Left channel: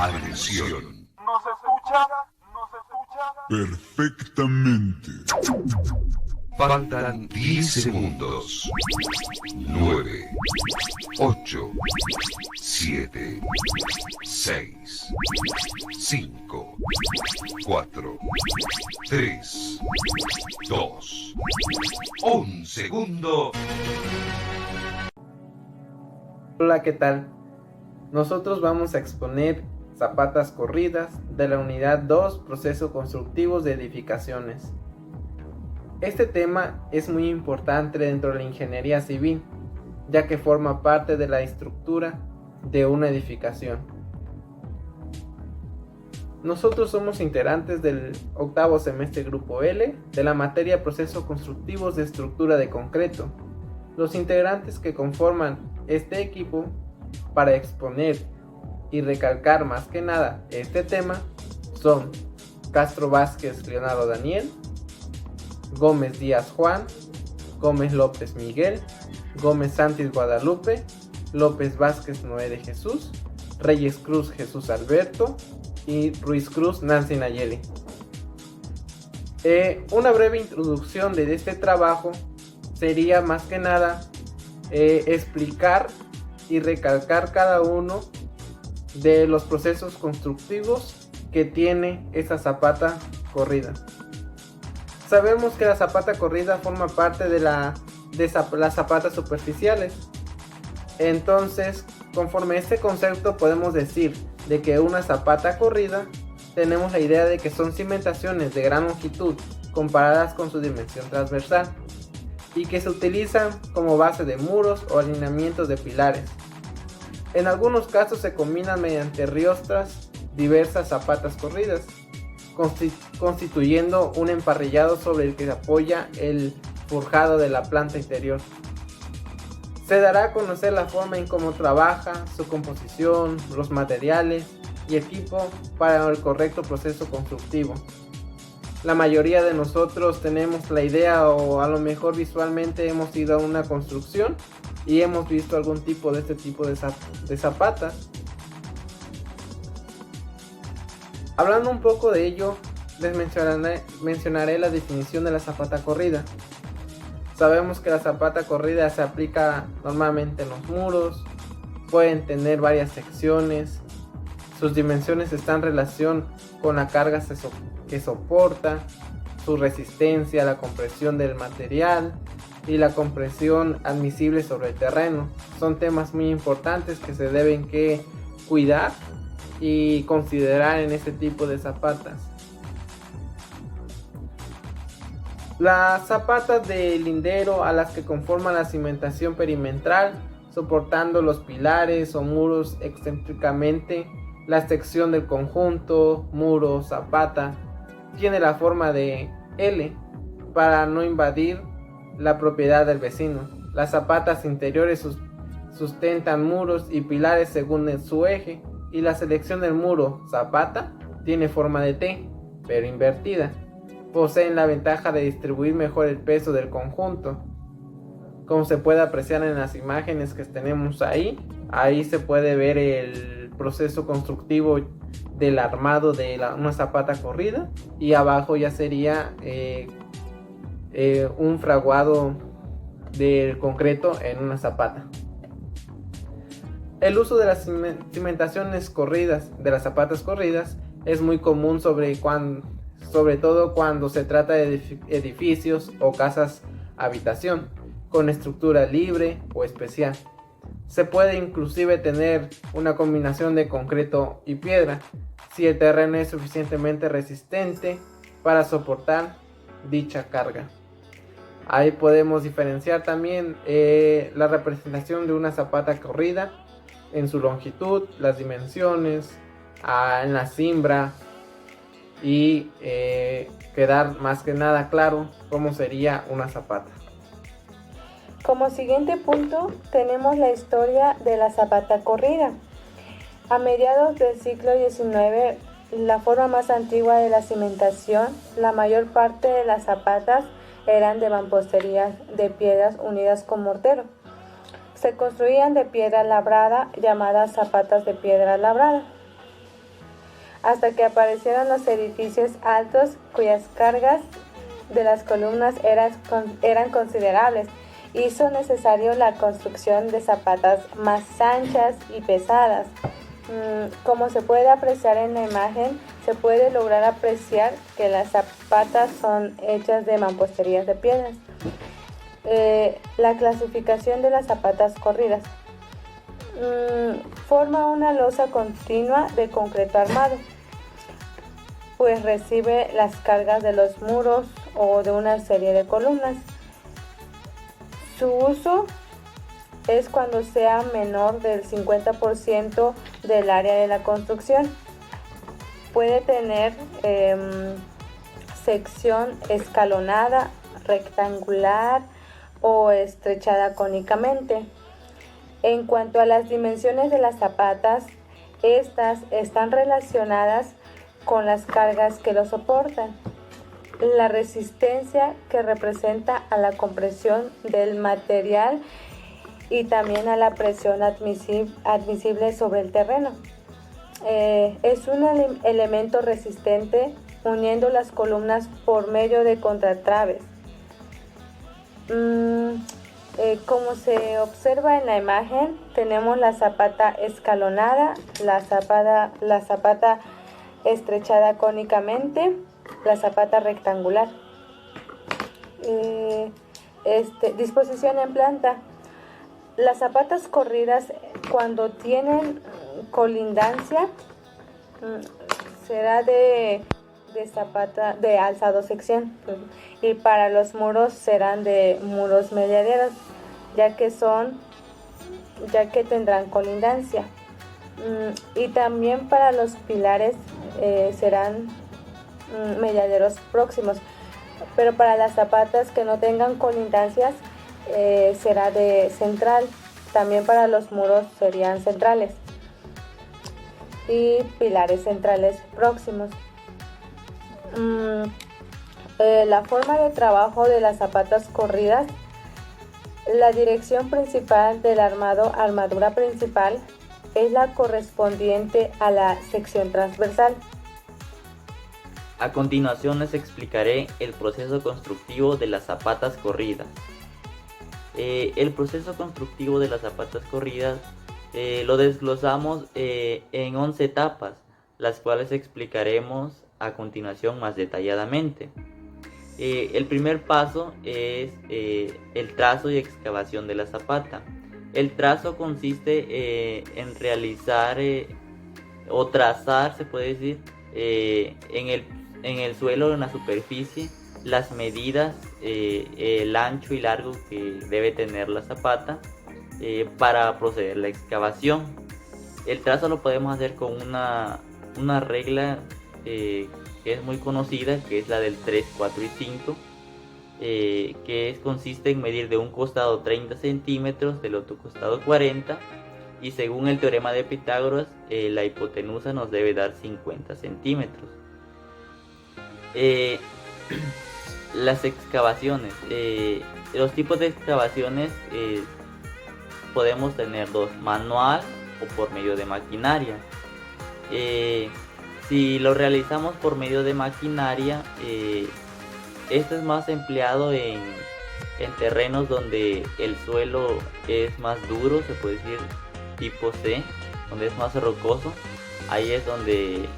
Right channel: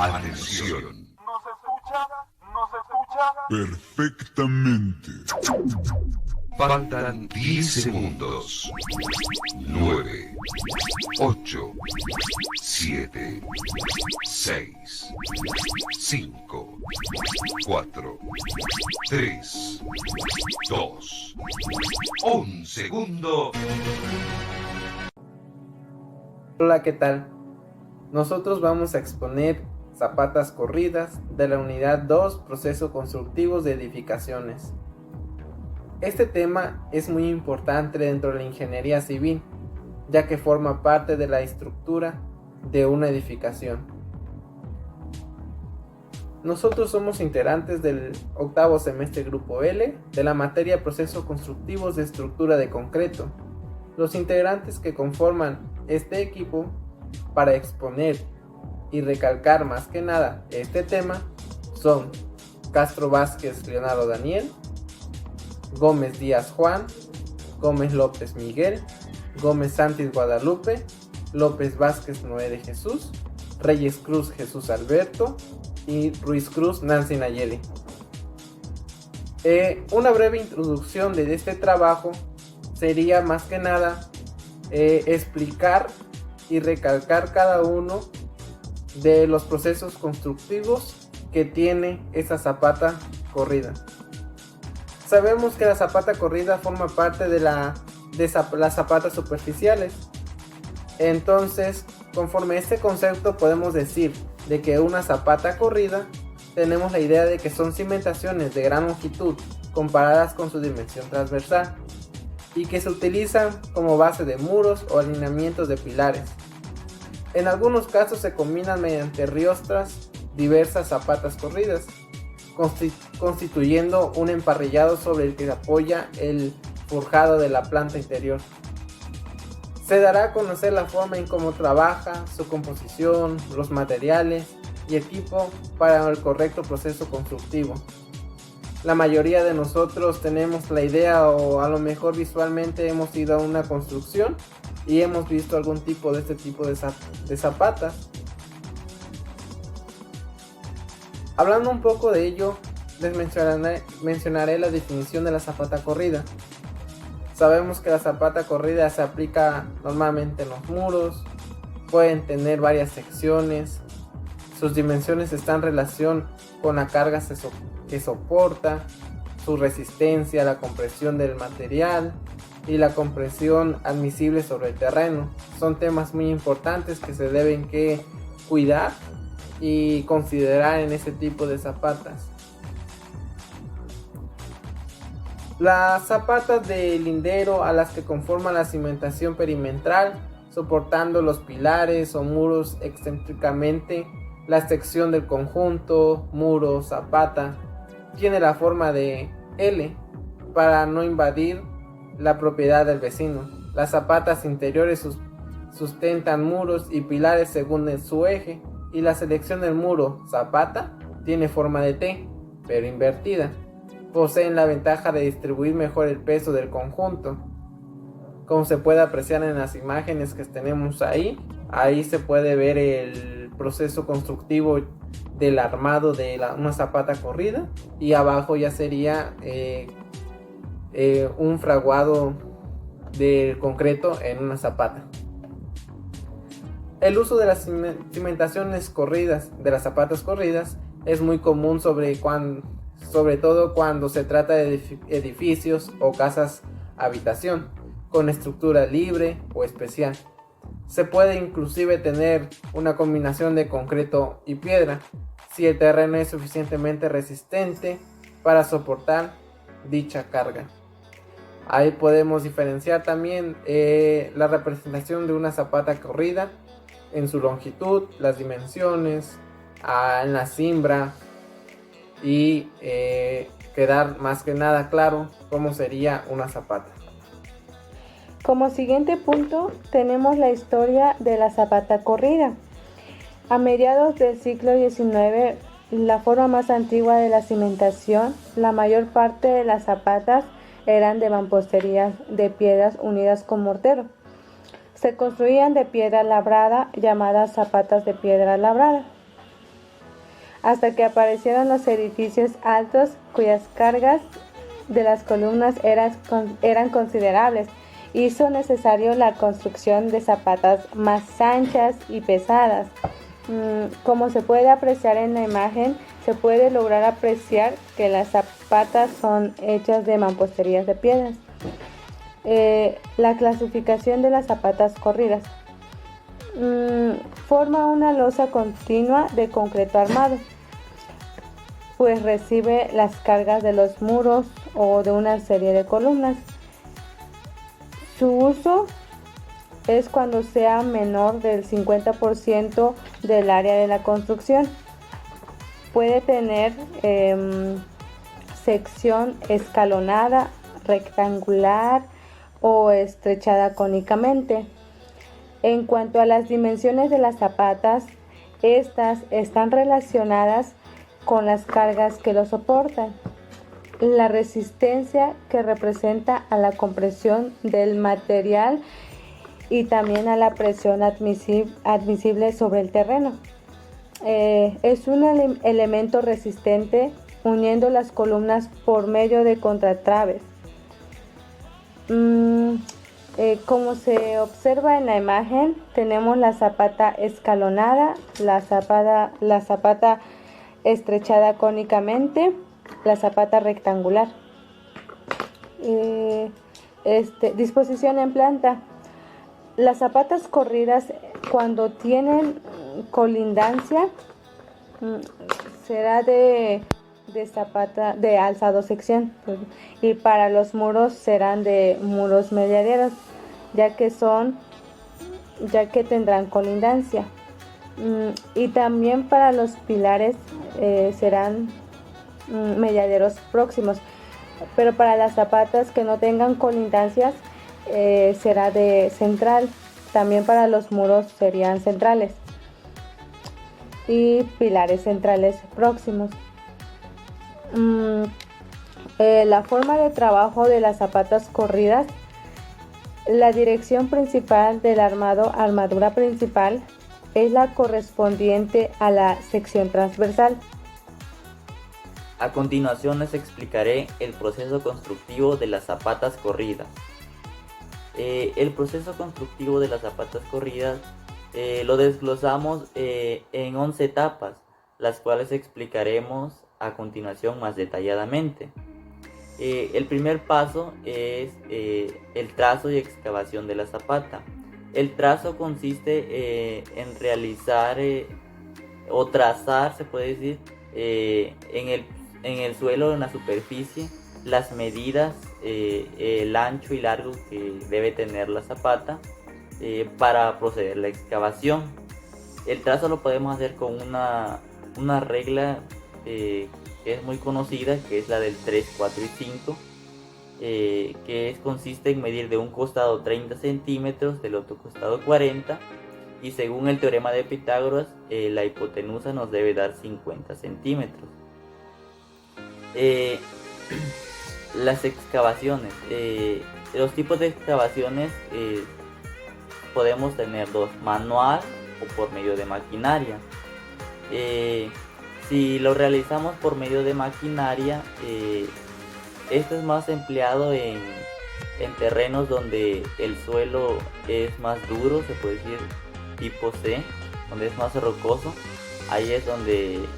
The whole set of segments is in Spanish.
Atención. ¿Nos escucha? ¿Nos escucha? Perfectamente. Faltan 10 segundos. 9, 8, 7, 6, 5, 4, 3, 2, 1 segundo. Hola, ¿qué tal? Nosotros vamos a exponer zapatas corridas de la unidad 2, procesos constructivos de edificaciones. Este tema es muy importante dentro de la ingeniería civil, ya que forma parte de la estructura de una edificación. Nosotros somos integrantes del octavo semestre Grupo L de la materia Procesos Constructivos de Estructura de Concreto. Los integrantes que conforman este equipo para exponer y recalcar más que nada este tema son Castro Vázquez Leonardo Daniel, Gómez Díaz Juan, Gómez López Miguel, Gómez Santis Guadalupe, López Vázquez Noé de Jesús, Reyes Cruz Jesús Alberto y Ruiz Cruz Nancy Nayeli. Una breve introducción de este trabajo sería más que nada explicar y recalcar cada uno de los procesos constructivos que tiene esa zapata corrida. Sabemos que la zapata corrida forma parte de las zapatas superficiales. Entonces, conforme a este concepto podemos decir de que una zapata corrida, tenemos la idea de que son cimentaciones de gran longitud comparadas con su dimensión transversal y que se utilizan como base de muros o alineamientos de pilares. En algunos casos se combinan mediante riostras diversas zapatas corridas, constituyendo un emparrillado sobre el que se apoya el forjado de la planta interior. Se dará a conocer la forma en cómo trabaja, su composición, los materiales y equipo para el correcto proceso constructivo. La mayoría de nosotros tenemos la idea, o a lo mejor visualmente hemos ido a una construcción y hemos visto algún tipo de este tipo de zapatas. Hablando un poco de ello, les mencionaré la definición de la zapata corrida. Sabemos que la zapata corrida se aplica normalmente en los muros, pueden tener varias secciones, sus dimensiones están en relación con la carga que soporta, su resistencia, la compresión del material y la compresión admisible sobre el terreno. Son temas muy importantes que se deben cuidar y considerar en este tipo de zapatas. Las zapatas de lindero a las que conforman la cimentación perimetral, soportando los pilares o muros excéntricamente, la sección del conjunto, muro, zapata, tiene la forma de L para no invadir la propiedad del vecino. Las zapatas interiores sustentan muros y pilares según su eje, y la selección del muro zapata tiene forma de T, pero invertida. Poseen la ventaja de distribuir mejor el peso del conjunto. Como se puede apreciar en las imágenes que tenemos ahí se puede ver el proceso constructivo del armado de una zapata corrida, y abajo ya sería un fraguado del concreto en una zapata. El uso de las cimentaciones corridas, de las zapatas corridas, es muy común sobre todo cuando se trata de edificios o casas habitación con estructura libre o especial. Se puede inclusive tener una combinación de concreto y piedra si el terreno es suficientemente resistente para soportar dicha carga. Ahí podemos diferenciar también la representación de una zapata corrida en su longitud, las dimensiones, en la cimbra, y quedar más que nada claro cómo sería una zapata. Como siguiente punto tenemos la historia de la zapata corrida. A mediados del siglo XIX, la forma más antigua de la cimentación, la mayor parte de las zapatas eran de mamposterías de piedras unidas con mortero. Se construían de piedra labrada, llamadas zapatas de piedra labrada. hasta que aparecieron los edificios altos cuyas cargas de las columnas eran considerables. Hizo necesario la construcción de zapatas más anchas y pesadas. Como se puede apreciar en la imagen, se puede lograr apreciar que las zapatas son hechas de mamposterías de piedras. La clasificación de las zapatas corridas. Forma una losa continua de concreto armado, pues recibe las cargas de los muros o de una serie de columnas. Su uso es cuando sea menor del 50% del área de la construcción. Puede tener sección escalonada, rectangular o estrechada cónicamente. En cuanto a las dimensiones de las zapatas, estas están relacionadas con las cargas que lo soportan, la resistencia que representa a la compresión del material y también a la presión admisible sobre el terreno. Es un elemento resistente uniendo las columnas por medio de contratraves. Como se observa en la imagen, tenemos la zapata escalonada, la zapata estrechada cónicamente, la zapata rectangular. Disposición en planta. Las zapatas corridas, cuando tienen colindancia, será de zapata de alzado sección, y para los muros serán de muros mediaderos, ya que tendrán colindancia. Y también para los pilares serán mediaderos próximos, pero para las zapatas que no tengan colindancias será de central. También para los muros serían centrales y pilares centrales próximos. La forma de trabajo de las zapatas corridas. La dirección principal del armadura principal es la correspondiente a la sección transversal. A continuación les explicaré el proceso constructivo de las zapatas corridas. El proceso constructivo de las zapatas corridas lo desglosamos en 11 etapas, las cuales explicaremos a continuación más detalladamente. El primer paso es el trazo y excavación de la zapata. El trazo consiste en realizar o trazar, se puede decir, en el suelo, en la superficie, las medidas, el ancho y largo que debe tener la zapata para proceder a la excavación. El trazo lo podemos hacer con una regla que es muy conocida, que es la del 3, 4 y 5, consiste en medir de un costado 30 centímetros, del otro costado 40, y según el teorema de Pitágoras, la hipotenusa nos debe dar 50 centímetros. Las excavaciones, los tipos de excavaciones podemos tener dos: manual o por medio de maquinaria. Si lo realizamos por medio de maquinaria, esto es más empleado en terrenos donde el suelo es más duro, se puede decir tipo C, donde es más rocoso. Ahí es donde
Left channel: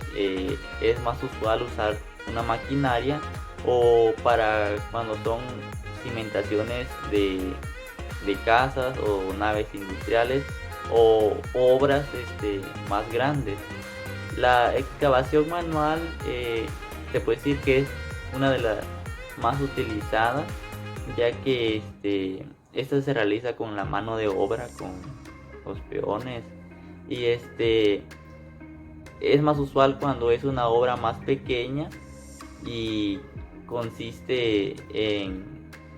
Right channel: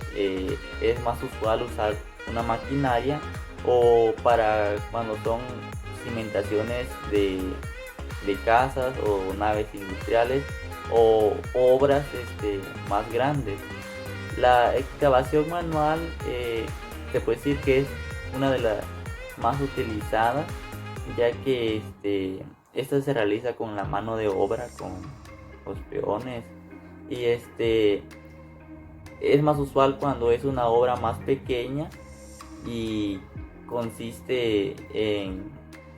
es más usual usar una maquinaria, o para cuando son cimentaciones de casas o naves industriales o obras más grandes. La excavación manual se puede decir que es una de las más utilizadas, ya que esta se realiza con la mano de obra, con los peones, y es más usual cuando es una obra más pequeña y consiste en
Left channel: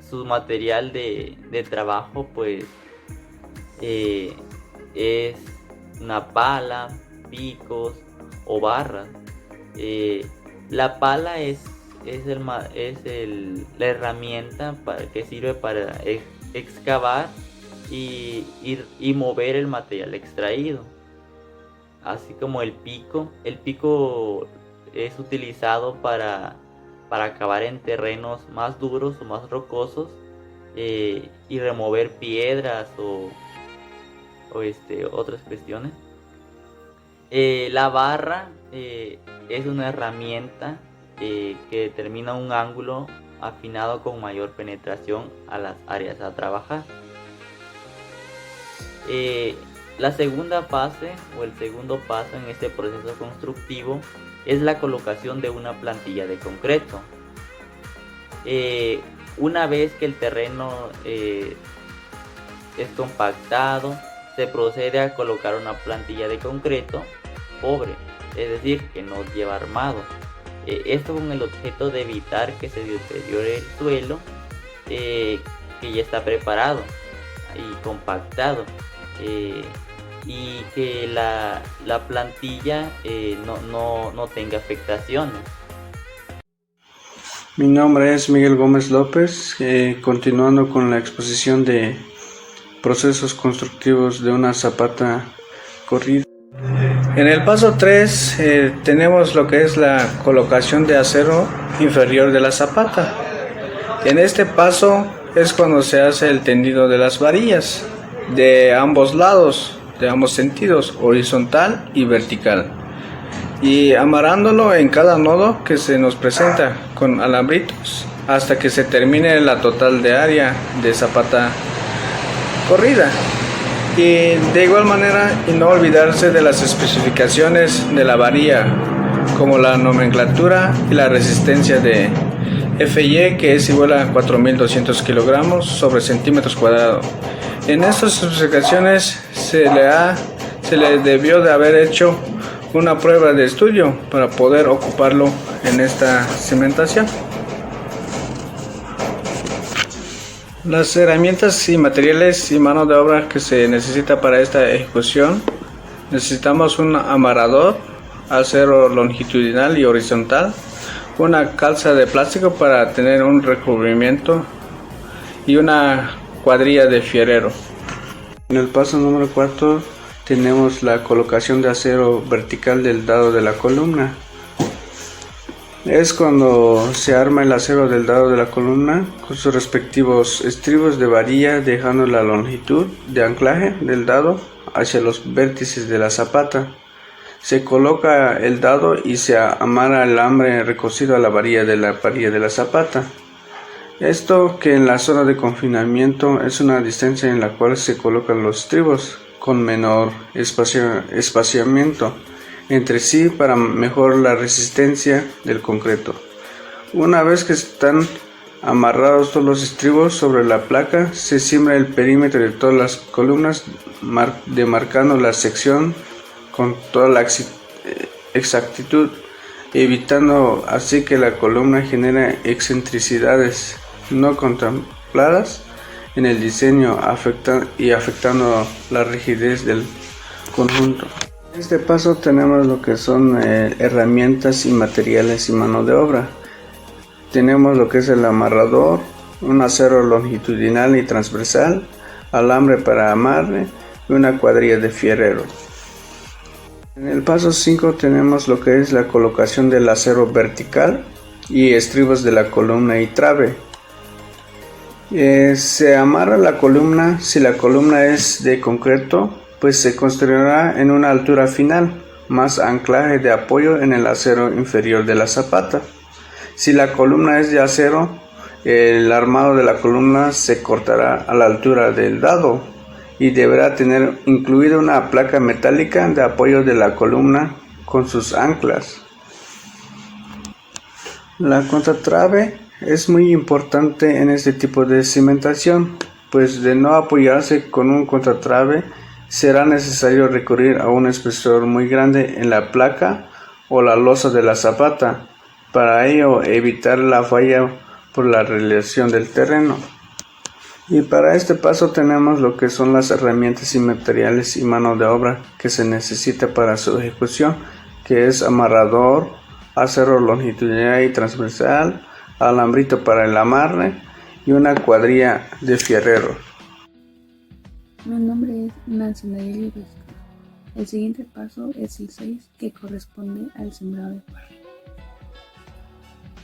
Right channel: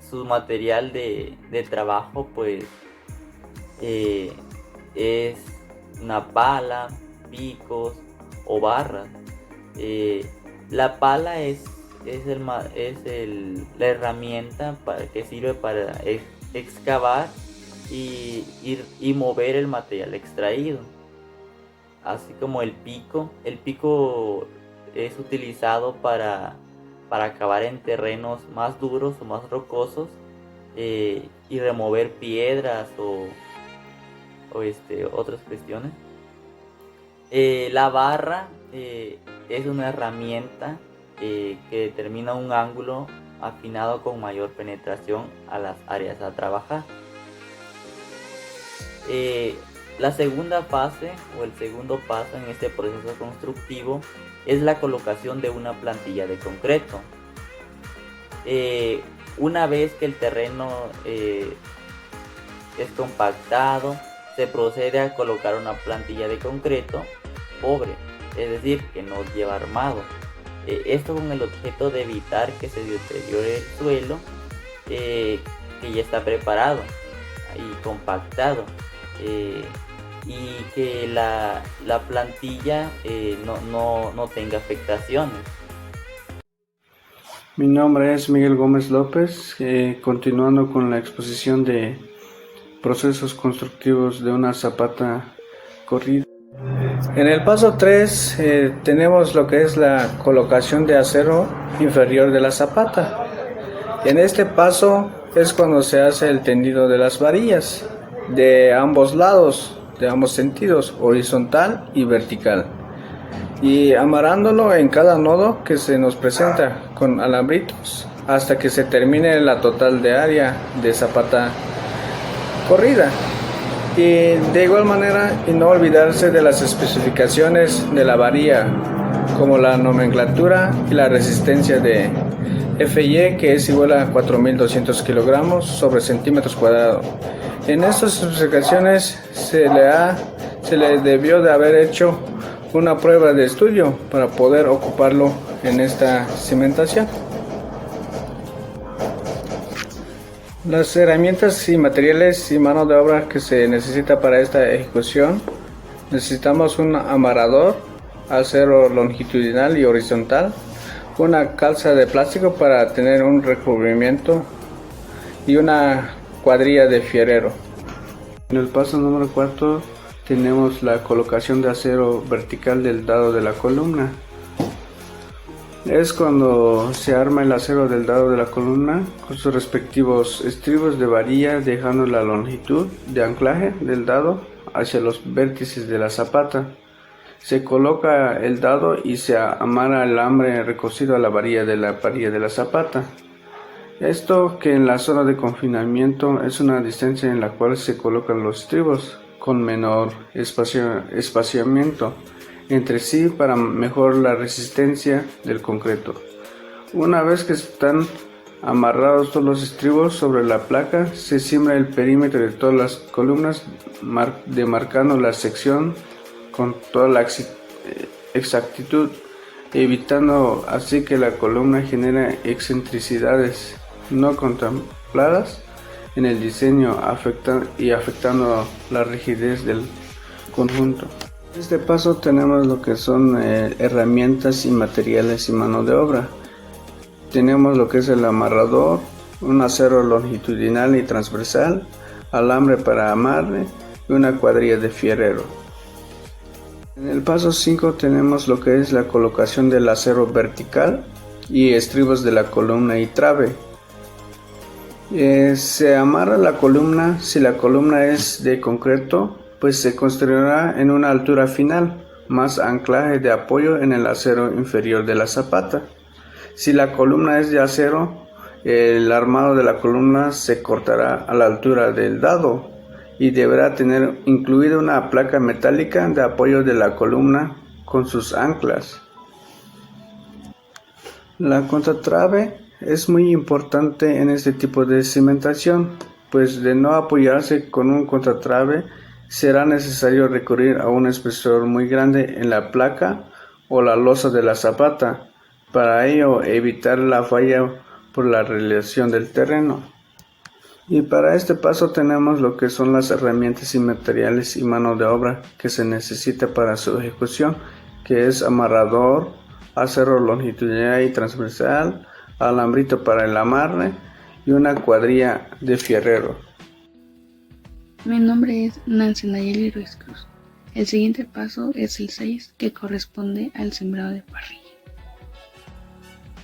su material de trabajo, pues es una pala, picos o barras. La pala es la herramienta que sirve para excavar y mover el material extraído. así como el pico. El pico es utilizado para cavar en terrenos más duros o más rocosos y remover piedras o otras cuestiones. La barra es una herramienta que determina un ángulo afinado con mayor penetración a las áreas a trabajar. La segunda fase o el segundo paso en este proceso constructivo es la colocación de una plantilla de concreto. Una vez que el terreno es compactado, se procede a colocar una plantilla de concreto pobre, es decir, que no lleva armado. Esto con el objeto de evitar que se deteriore el suelo que ya está preparado y compactado, y que la plantilla no tenga afectaciones. Mi nombre es Miguel Gómez López, continuando con la exposición de procesos constructivos de una zapata corrida. En el paso 3 tenemos lo que es la colocación de acero inferior de la zapata. En este paso es cuando se hace el tendido de las varillas de ambos lados, de ambos sentidos, horizontal y vertical, y amarrándolo en cada nodo que se nos presenta con alambritos hasta que se termine la total de área de zapata corrida. Y de igual manera, y no olvidarse de las especificaciones de la varilla, como la nomenclatura y la resistencia de FY, que es igual a 4200 kilogramos sobre centímetros cuadrados. En estas especificaciones se le debió de haber hecho una prueba de estudio para poder ocuparlo en esta cimentación. Las herramientas y materiales y mano de obra que se necesita para esta ejecución: necesitamos un amarrador, acero longitudinal y horizontal, una calza de plástico para tener un recubrimiento y una cuadrilla de fierrero. En el paso número 4 tenemos la colocación de acero vertical del dado de la columna. Es cuando se arma el acero del dado de la columna con sus respectivos estribos de varilla, dejando la longitud de anclaje del dado hacia los vértices de la zapata. Se coloca el dado y se amarra el alambre recocido a la varilla de la zapata. Esto, que en la zona de confinamiento es una distancia en la cual se colocan los estribos con menor espaciamiento entre sí para mejorar la resistencia del concreto. Una vez que están amarrados todos los estribos sobre la placa, se siembra el perímetro de todas las columnas, demarcando la sección con toda la exactitud, evitando así que la columna genere excentricidades no contempladas en el diseño afectando la rigidez del conjunto. En este paso tenemos lo que son herramientas y materiales y mano de obra. Tenemos lo que es el amarrador, un acero longitudinal y transversal, alambre para amarre y una cuadrilla de fierrero. En el paso 5 tenemos lo que es la colocación del acero vertical y estribos de la columna y trabe. Se amarra la columna. Si la columna es de concreto, pues se construirá en una altura final, más anclaje de apoyo en el acero inferior de la zapata. Si la columna es de acero, el armado de la columna se cortará a la altura del dado y deberá tener incluida una placa metálica de apoyo de la columna con sus anclas. La contratrave es muy importante en este tipo de cimentación, pues de no apoyarse con un contratrave será necesario recurrir a un espesor muy grande en la placa o la losa de la zapata, para ello evitar la falla por la relación del terreno. Y para este paso tenemos lo que son las herramientas y materiales y mano de obra que se necesita para su ejecución, que es amarrador, acero longitudinal y transversal, alambrito para el amarre y una cuadrilla de fierrero. Mi nombre es Nancy Nayeli Ruiz Cruz. El siguiente paso es el 6, que corresponde al sembrado de parrilla.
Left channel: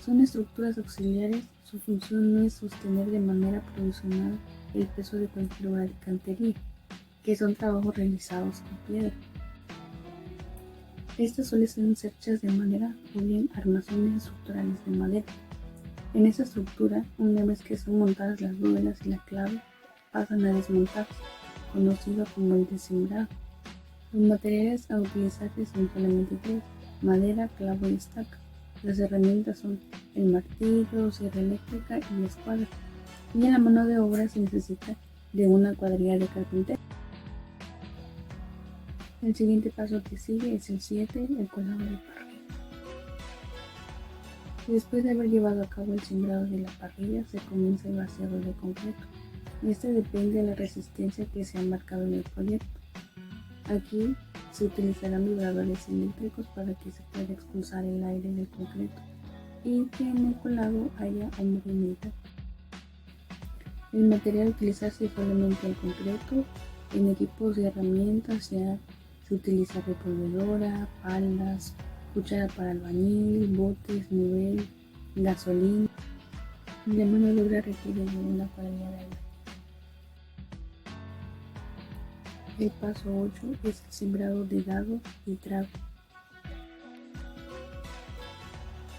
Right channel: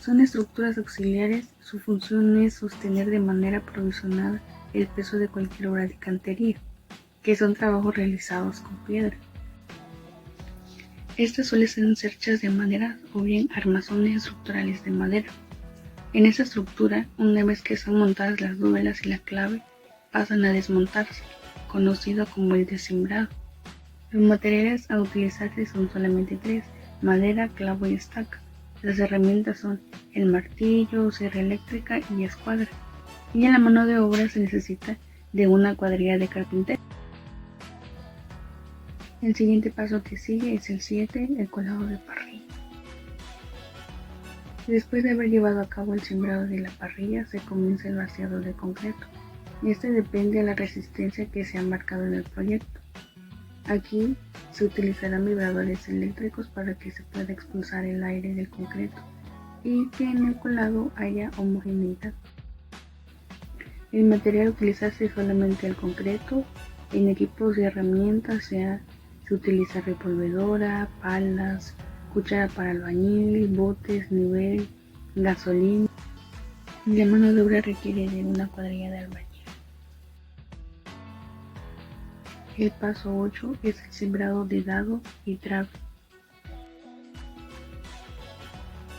Son estructuras auxiliares, su función es sostener de manera provisional el peso de cualquier obra de cantería, que son trabajos realizados con piedra. Estas suelen ser hechas de madera o bien armazones estructurales de madera. En esta estructura, una vez que son montadas las dúvelas y la clave, pasan a desmontarse, conocido como el descimbrado. Los materiales a utilizarse son solamente 3, madera, clavo y estaca. Las herramientas son el martillo, sierra eléctrica y escuadra. Y en la mano de obra se necesita de una cuadrilla de carpintero. El siguiente paso que sigue es el 7, el colado de parrilla. Después de haber llevado a cabo el sembrado de la parrilla, se comienza el vaciado de concreto. Este depende de la resistencia que se ha marcado en el proyecto. Aquí se utilizarán vibradores eléctricos para que se pueda expulsar el aire del concreto y que en el colado haya homogeneidad. El material a utilizarse es solamente el concreto. En equipos y herramientas se utiliza revolvedora, palas, cuchara para albañil, botes, nivel, gasolina. La mano de obra requiere de una cuadrilla de albañil. El paso 8 es el sembrado de dado y trabe.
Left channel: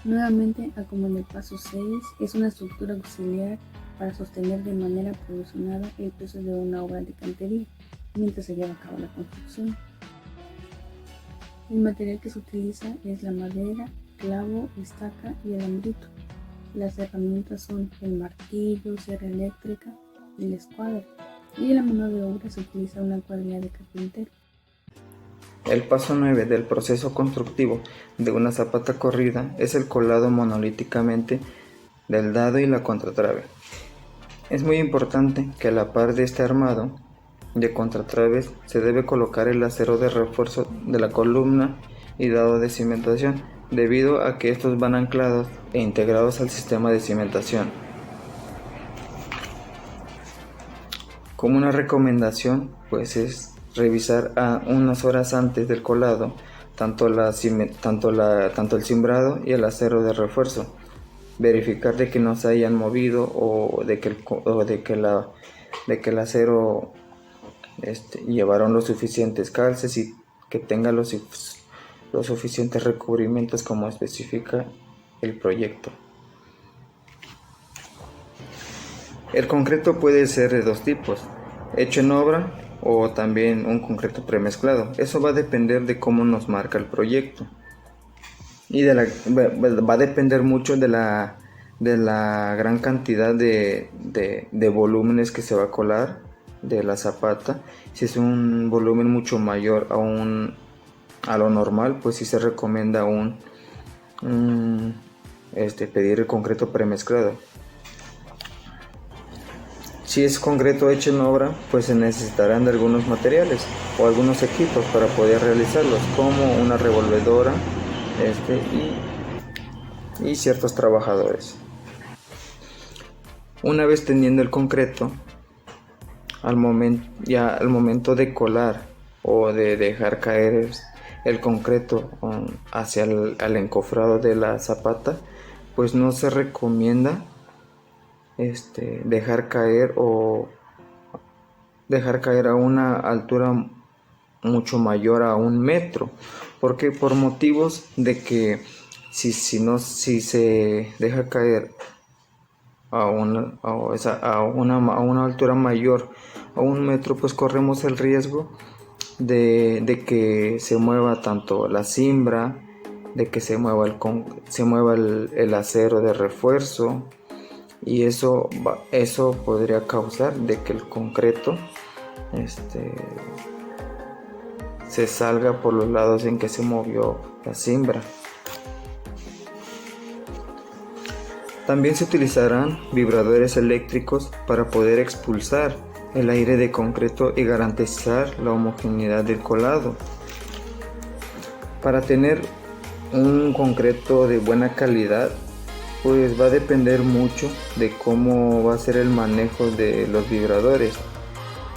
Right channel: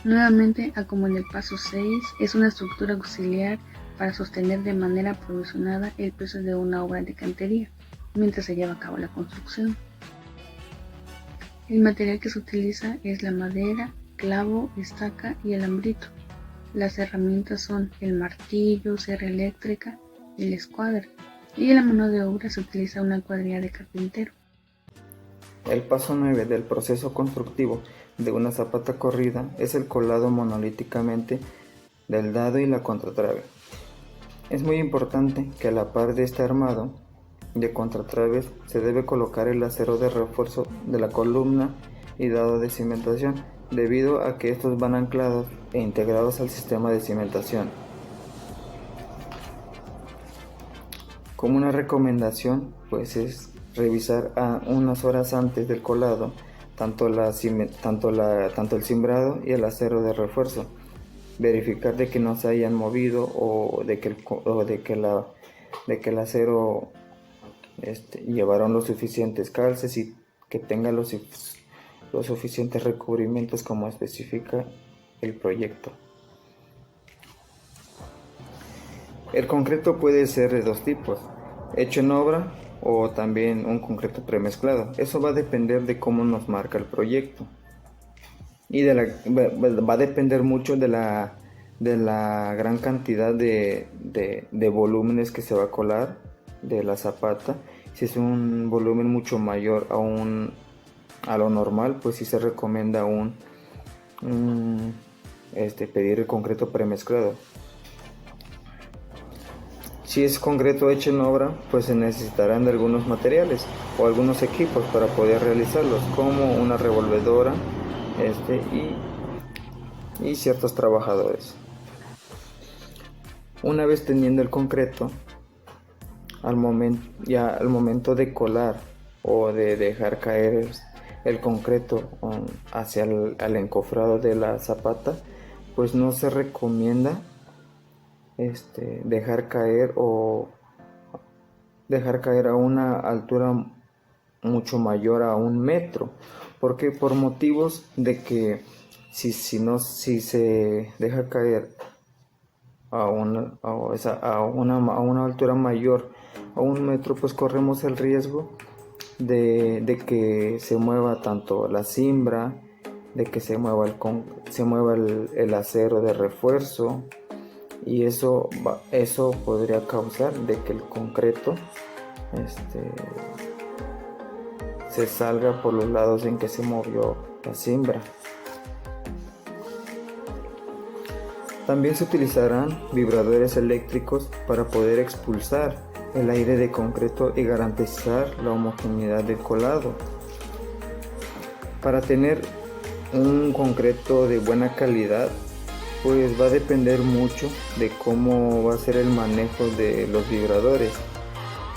Nuevamente, como en el paso 6, es una estructura auxiliar para sostener de manera provisionada el peso de una obra de cantería mientras se lleva a cabo la construcción. El material que se utiliza es la madera, clavo, estaca y alambrito. Las herramientas son el martillo, sierra eléctrica y la escuadra. Y en la mano de obra se utiliza una cuadrilla de carpintero. El paso 9 del proceso constructivo de una zapata corrida es el colado monolíticamente del dado y la contratrave. Es muy importante que a la par de este armado de contratraves se debe colocar el acero de refuerzo de la columna y dado de cimentación, debido a que estos van anclados e integrados al sistema de cimentación. Como una recomendación, pues es revisar unas horas antes del colado tanto el cimbrado y el acero de refuerzo, verificar de que no se hayan movido o de que el acero llevaron los suficientes calces y que tenga los suficientes recubrimientos como especifica el proyecto. El concreto puede ser de dos tipos, hecho en obra o también un concreto premezclado. Eso va a depender de cómo nos marca el proyecto y va a depender mucho de la gran cantidad de volúmenes que se va a colar de la zapata. Si es un volumen mucho mayor a lo normal, pues sí se recomienda pedir el concreto premezclado. Si es concreto hecho en obra, pues se necesitarán de algunos materiales o algunos equipos para poder realizarlos, como una revolvedora y ciertos trabajadores. Una vez teniendo el concreto, al momento de colar o de dejar caer el concreto hacia el encofrado de la zapata, pues no se recomienda dejar caer a una altura mucho mayor a 1 metro, porque por motivos de que si se deja caer a una altura mayor a 1 metro, pues corremos el riesgo de que se mueva tanto la cimbra, de que se mueva el acero de refuerzo, y eso podría causar de que el concreto se salga por los lados en que se movió la cimbra. También se utilizarán vibradores eléctricos para poder expulsar el aire de concreto y garantizar la homogeneidad del colado. Para tener un concreto de buena calidad, pues va a depender mucho de cómo va a ser el manejo de los vibradores.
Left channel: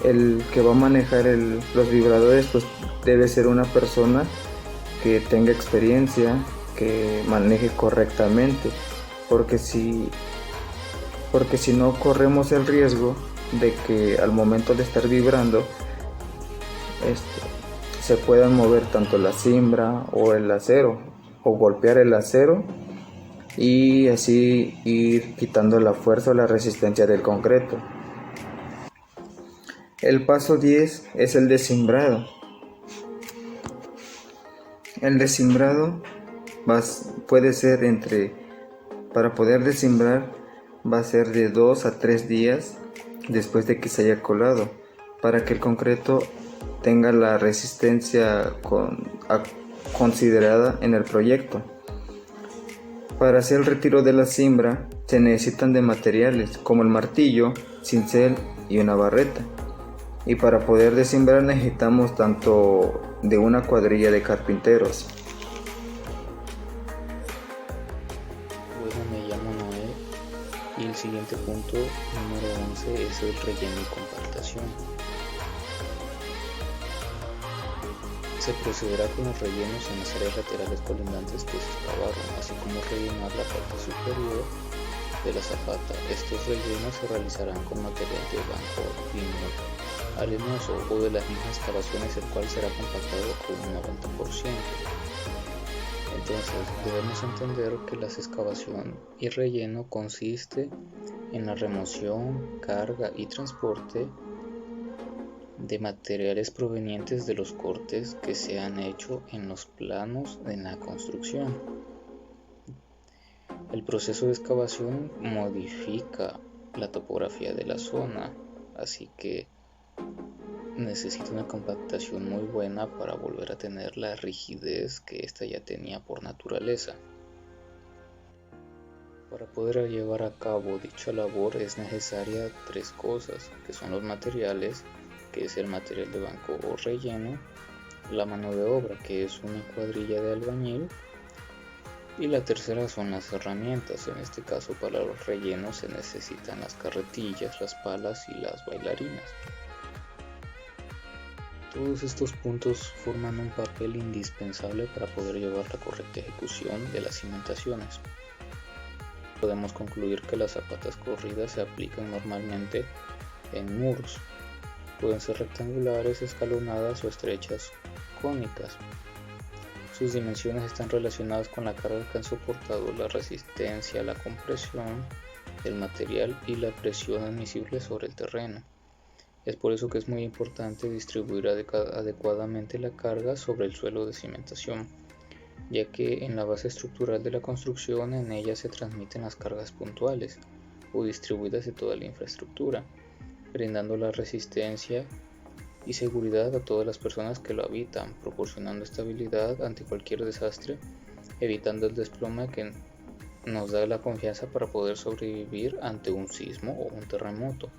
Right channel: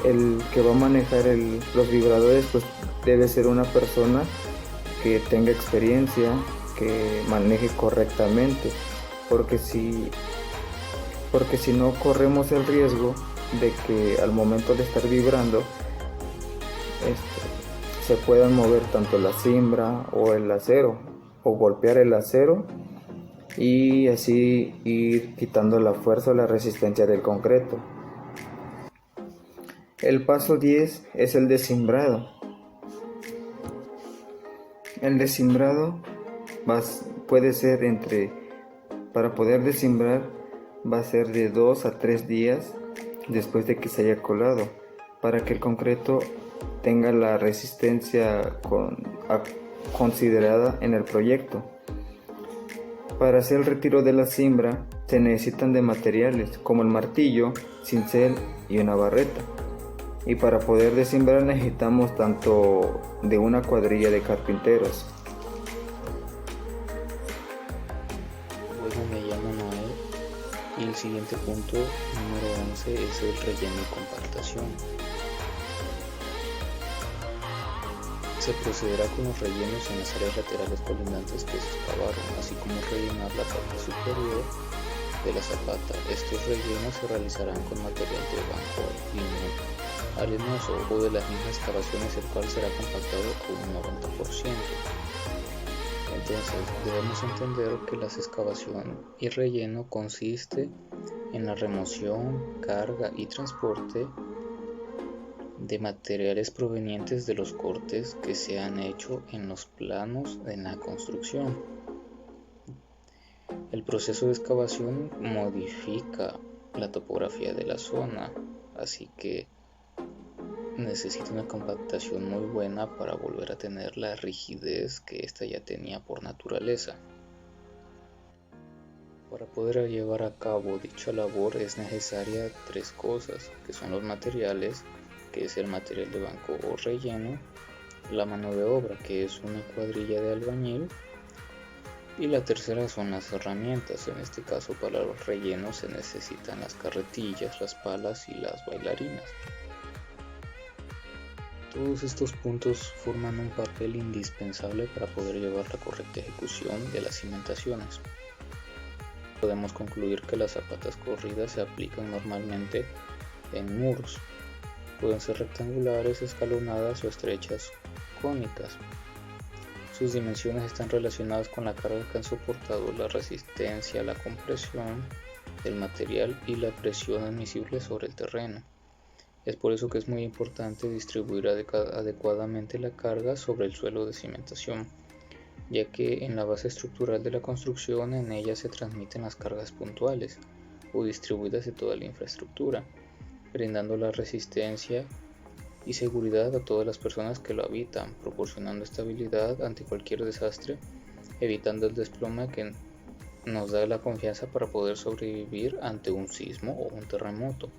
el que va a manejar los vibradores pues debe ser una persona que tenga experiencia, que maneje correctamente, porque si no corremos el riesgo de que al momento de estar vibrando se puedan mover tanto la cimbra o el acero, o golpear el acero y así ir quitando la fuerza o la resistencia del concreto. El paso 10 es el desimbrado. El desimbrado puede ser para poder desimbrar va a ser de 2 a 3 días después de que se haya colado, para que el concreto tenga la resistencia considerada en el proyecto. Para hacer el retiro de la cimbra se necesitan de materiales como el martillo, cincel y una barreta. Y para poder desimbrar necesitamos tanto de una cuadrilla de carpinteros. Bueno, me llamo Noé y el siguiente punto, número 11, es el relleno y compactación. Se procederá con los rellenos en las áreas laterales colindantes que se excavaron, así como rellenar la parte superior de la zapata. Estos rellenos se realizarán con material de banco lineal arenoso o de las mismas excavaciones, el cual será compactado a un 90%. Entonces debemos entender que la excavación y relleno consiste en la remoción, carga y transporte de materiales provenientes de los cortes que se han hecho en los planos en la construcción. El proceso de excavación modifica la topografía de la zona, así que necesita una compactación muy buena para volver a tener la rigidez que ésta ya tenía por naturaleza. Para poder llevar a cabo dicha labor es necesaria 3 cosas, que son los materiales, que es el material de banco o relleno, la mano de obra, que es una cuadrilla de albañil, y la tercera son las herramientas. En este caso, para los rellenos se necesitan las carretillas, las palas y las bailarinas. Todos estos puntos forman un papel indispensable para poder llevar la correcta ejecución de las cimentaciones. Podemos concluir que las zapatas corridas se aplican normalmente en muros. Pueden ser rectangulares, escalonadas o estrechas cónicas. Sus dimensiones están relacionadas con la carga que han soportado, la resistencia, la compresión del material y la presión admisible sobre el terreno. Es por eso que es muy importante distribuir adecuadamente la carga sobre el suelo de cimentación, ya que en la base estructural de la construcción en ella se transmiten las cargas puntuales o distribuidas de toda la infraestructura, brindando la resistencia y seguridad a todas las personas que lo habitan, proporcionando estabilidad ante cualquier desastre, evitando el desplome que nos da la confianza para poder sobrevivir ante un sismo o un terremoto.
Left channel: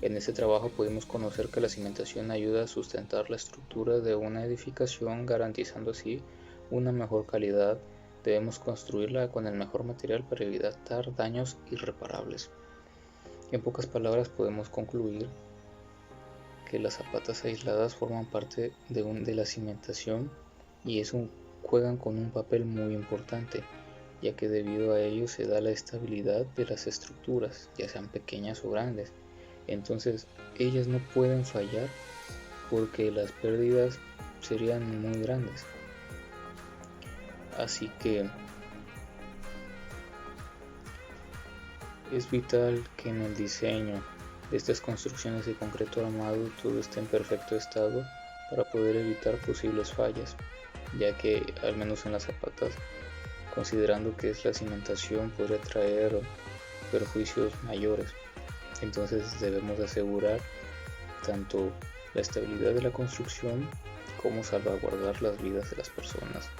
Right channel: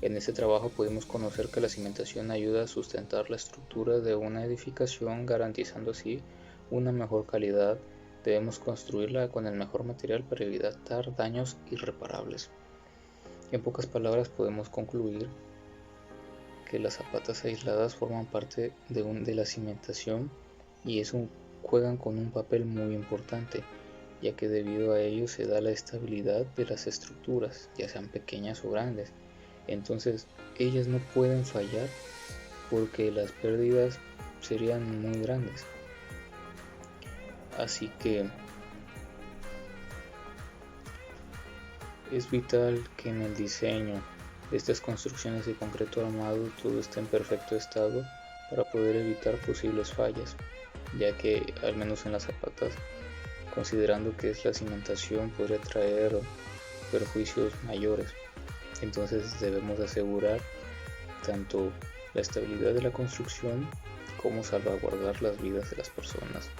En este trabajo pudimos conocer que la cimentación ayuda a sustentar la estructura de una edificación, garantizando así una mejor calidad. Debemos construirla con el mejor material para evitar daños irreparables. En pocas palabras podemos concluir que las zapatas aisladas forman parte de la cimentación y juegan con un papel muy importante, ya que debido a ello se da la estabilidad de las estructuras, ya sean pequeñas o grandes. Entonces ellas no pueden fallar porque las pérdidas serían muy grandes. Así que es vital que en el diseño de estas construcciones de concreto armado todo esté en perfecto estado para poder evitar posibles fallas, ya que al menos en las zapatas, considerando que es la cimentación, podría traer perjuicios mayores. Entonces debemos asegurar tanto la estabilidad de la construcción como salvaguardar las vidas de las personas.